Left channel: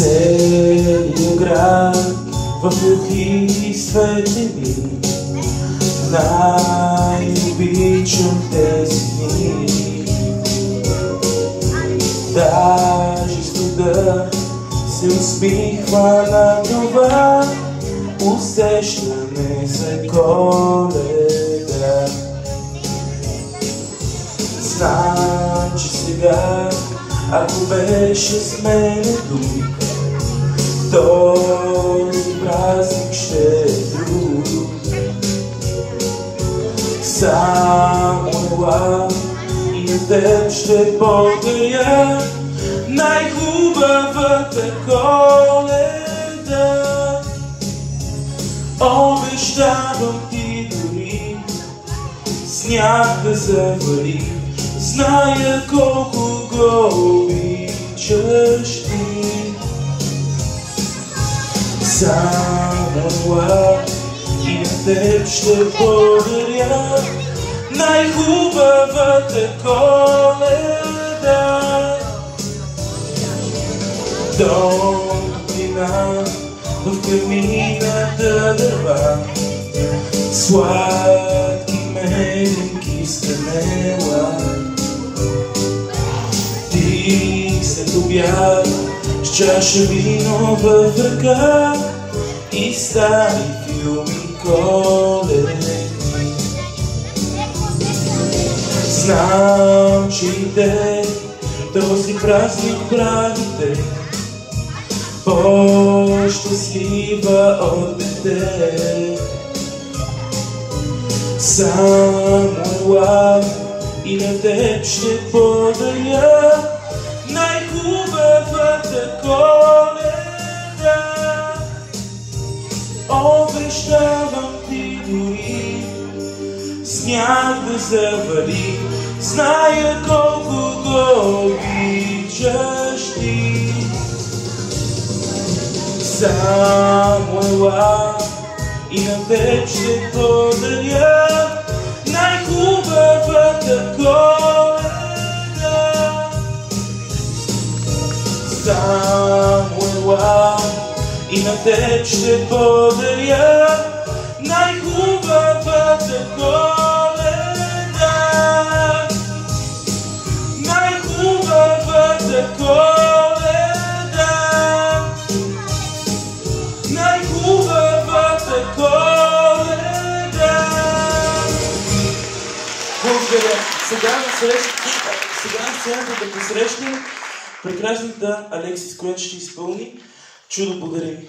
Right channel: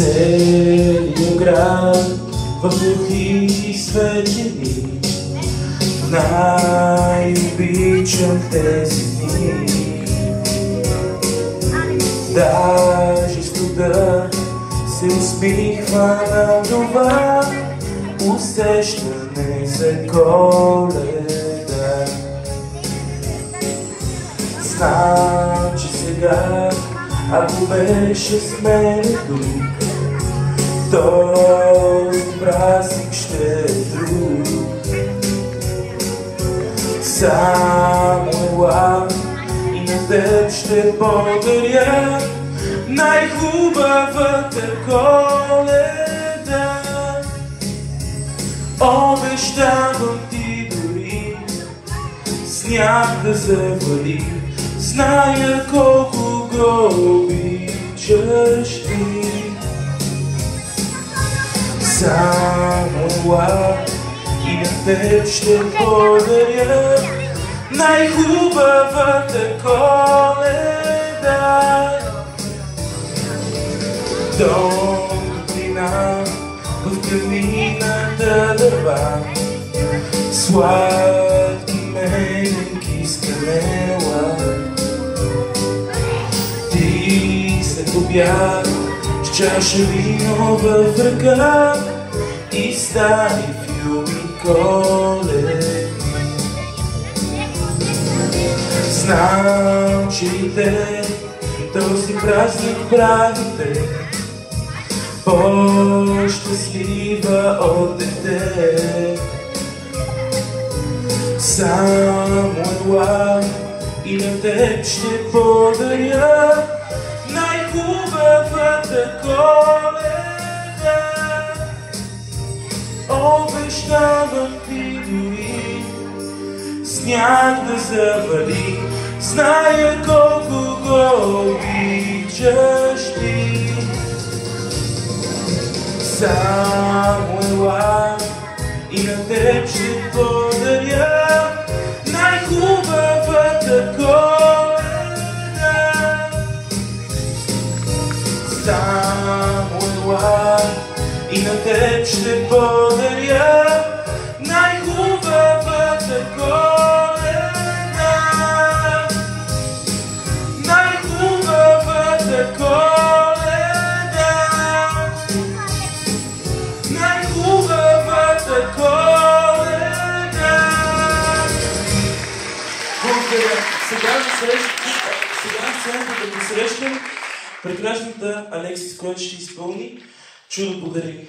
Целият град в духи светлини, най-обичам тези дни. Даже студът се усмихва на това усещане за Коледа. Знам, че сега, ако беше с мене тук, този празник ще е друг. Само ела и на теб ще подаря най-хубавата Коледа. Обещавам ти дори сняг да завали, зная колко го обичаш ти. Само ела и на теб ще подаря най-хубавата Коледа. Топлина в камината дърва, сладки меленки скамела. Ти след обяд с чаша вино в ръка и стари филми коледни. Знам, че и те този празник правите по-щастлива от дете. Само ела и на теб ще подаря най-хубавата Коледа. Обещавам ти дори сняг да завали, зная колко го обичаш ти. Само ела и на теб ще подаря най-хубавата Коледа. Само ела и на теб ще подаря най-хубавата Коледа. Най-хубавата Коледа. Най-хубавата Коледа. Благодаря. Сега на сцената да посрещнем прекрасната Алексис, която ще изпълни Чудо подари.